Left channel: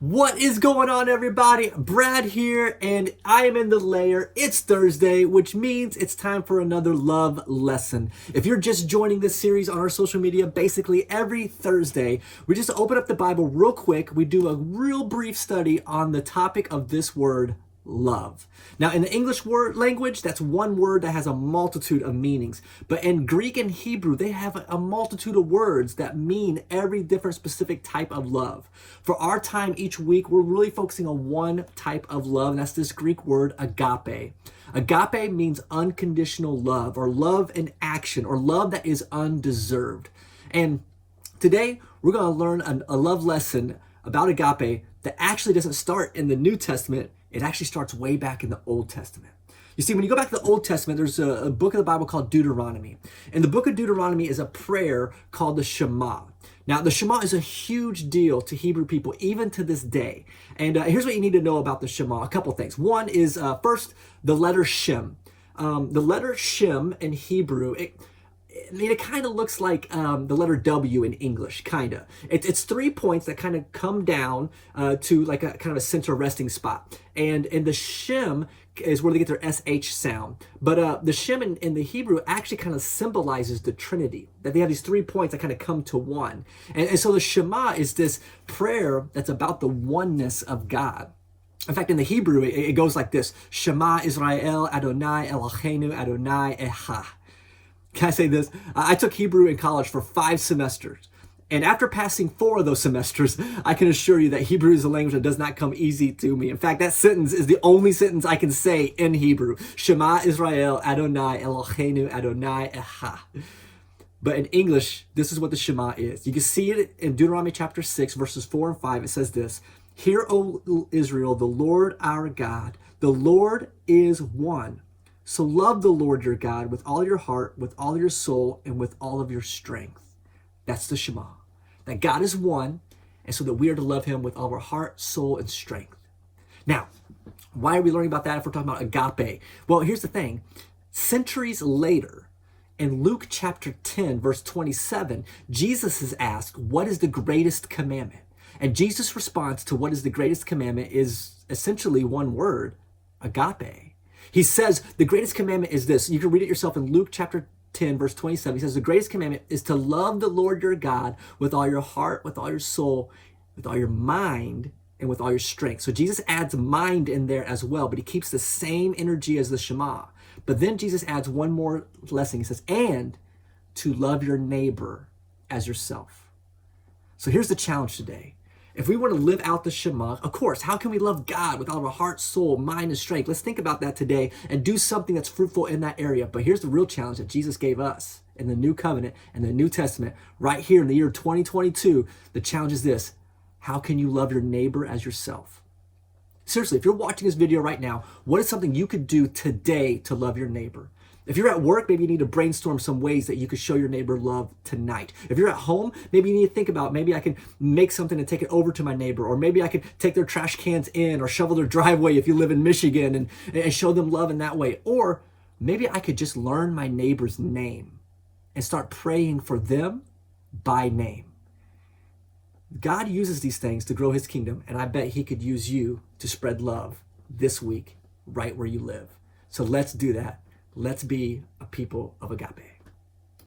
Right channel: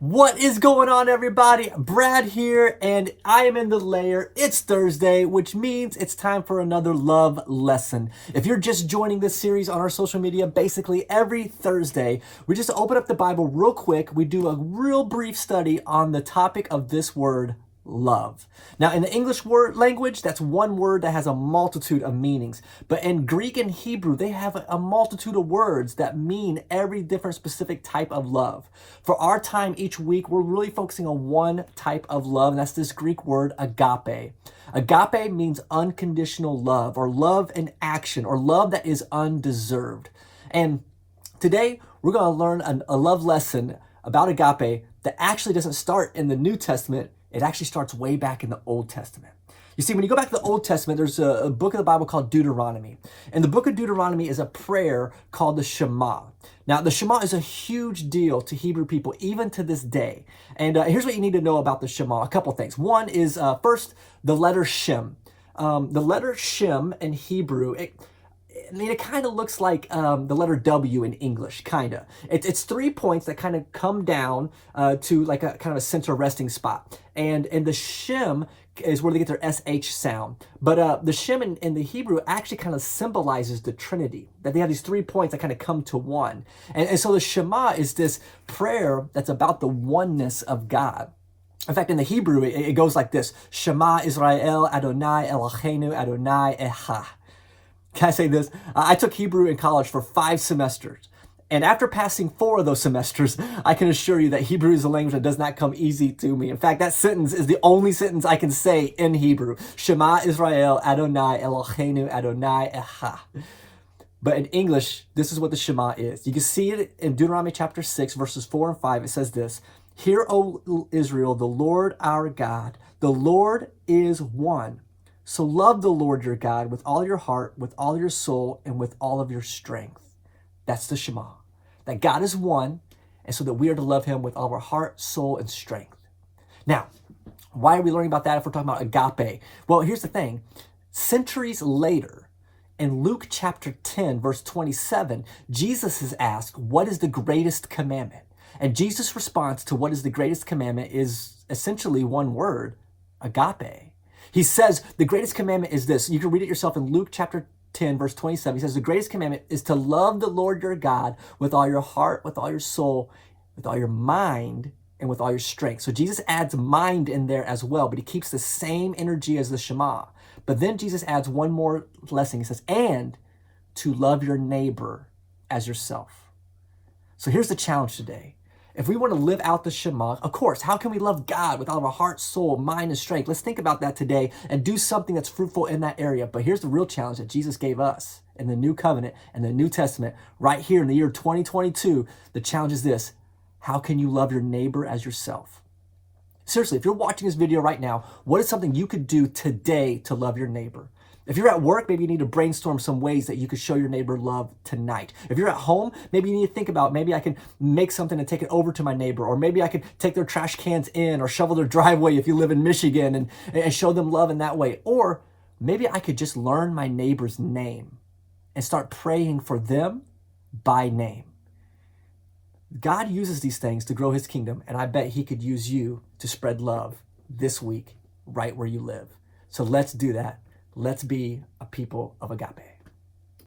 What is going on, everybody? Brad here, and I am in the lair. It's Thursday, which means it's time for another love lesson. If you're just joining this series on our social media, basically every Thursday, we just open up the Bible real quick. We do a real brief study on the topic of this word, love. Now, in the English word language, that's one word that has a multitude of meanings. But in Greek and Hebrew, they have a multitude of words that mean every different specific type of love. For our time each week, we're really focusing on one type of love, and that's this Greek word, agape. Agape means unconditional love, or love in action, or love that is undeserved. And today, we're going to learn a love lesson about agape that actually doesn't start in the New Testament. It actually starts way back in the Old Testament. You see, when you go back to the Old Testament, there's a book of the Bible called Deuteronomy. And the book of Deuteronomy is a prayer called the Shema. Now, the Shema is a huge deal to Hebrew people, even to this day. And here's what you need to know about the Shema. A couple things. One is, first, the letter Shem. The letter Shem in Hebrew, it kind of looks like the letter W in English, kind of. It's 3 points that kind of come down to like a kind of a center resting spot. And the Shem is where they get their SH sound. But the Shem in the Hebrew actually kind of symbolizes the Trinity, that they have these 3 points that kind of come to one. And so the Shema is this prayer that's about the oneness of God. In fact, in the Hebrew, it goes like this: Shema Israel Adonai Eloheinu Adonai Echad. Can I say this? I took Hebrew in college for 5 semesters. And after passing 4 of those semesters, I can assure you that Hebrew is a language that does not come easy to me. In fact, that sentence is the only sentence I can say in Hebrew. Shema Israel Adonai Eloheinu Adonai Echad. But in English, this is what the Shema is. You can see it in Deuteronomy chapter 6, verses 4 and 5. It says this: Hear, O Israel, the Lord our God, the Lord is one. So love the Lord your God with all your heart, with all your soul, and with all of your strength. That's the Shema. That God is one, and so that we are to love him with all our heart, soul, and strength. Now, why are we learning about that if we're talking about agape? Well, here's the thing. Centuries later, in Luke chapter 10, verse 27, Jesus is asked, what is the greatest commandment? And Jesus' response to what is the greatest commandment is essentially one word: agape. He says the greatest commandment is this. You can read it yourself in Luke chapter 10, verse 27. He says the greatest commandment is to love the Lord your God with all your heart, with all your soul, with all your mind, and with all your strength. So Jesus adds mind in there as well, but he keeps the same energy as the Shema. But then Jesus adds one more lesson. He says, and to love your neighbor as yourself. So here's the challenge today. If we want to live out the Shema, of course, how can we love God with all of our heart, soul, mind, and strength? Let's think about that today and do something that's fruitful in that area. But here's the real challenge that Jesus gave us in the New Covenant and the New Testament right here in the year 2022. The challenge is this: how can you love your neighbor as yourself? Seriously, if you're watching this video right now, what is something you could do today to love your neighbor? If you're at work, maybe you need to brainstorm some ways that you could show your neighbor love tonight. If you're at home, maybe you need to think about, maybe I can make something and take it over to my neighbor, or maybe I could take their trash cans in or shovel their driveway if you live in Michigan and show them love in that way. Or maybe I could just learn my neighbor's name and start praying for them by name. God uses these things to grow his kingdom, and I bet he could use you to spread love this week right where you live. So let's do that. Let's be a people of agape.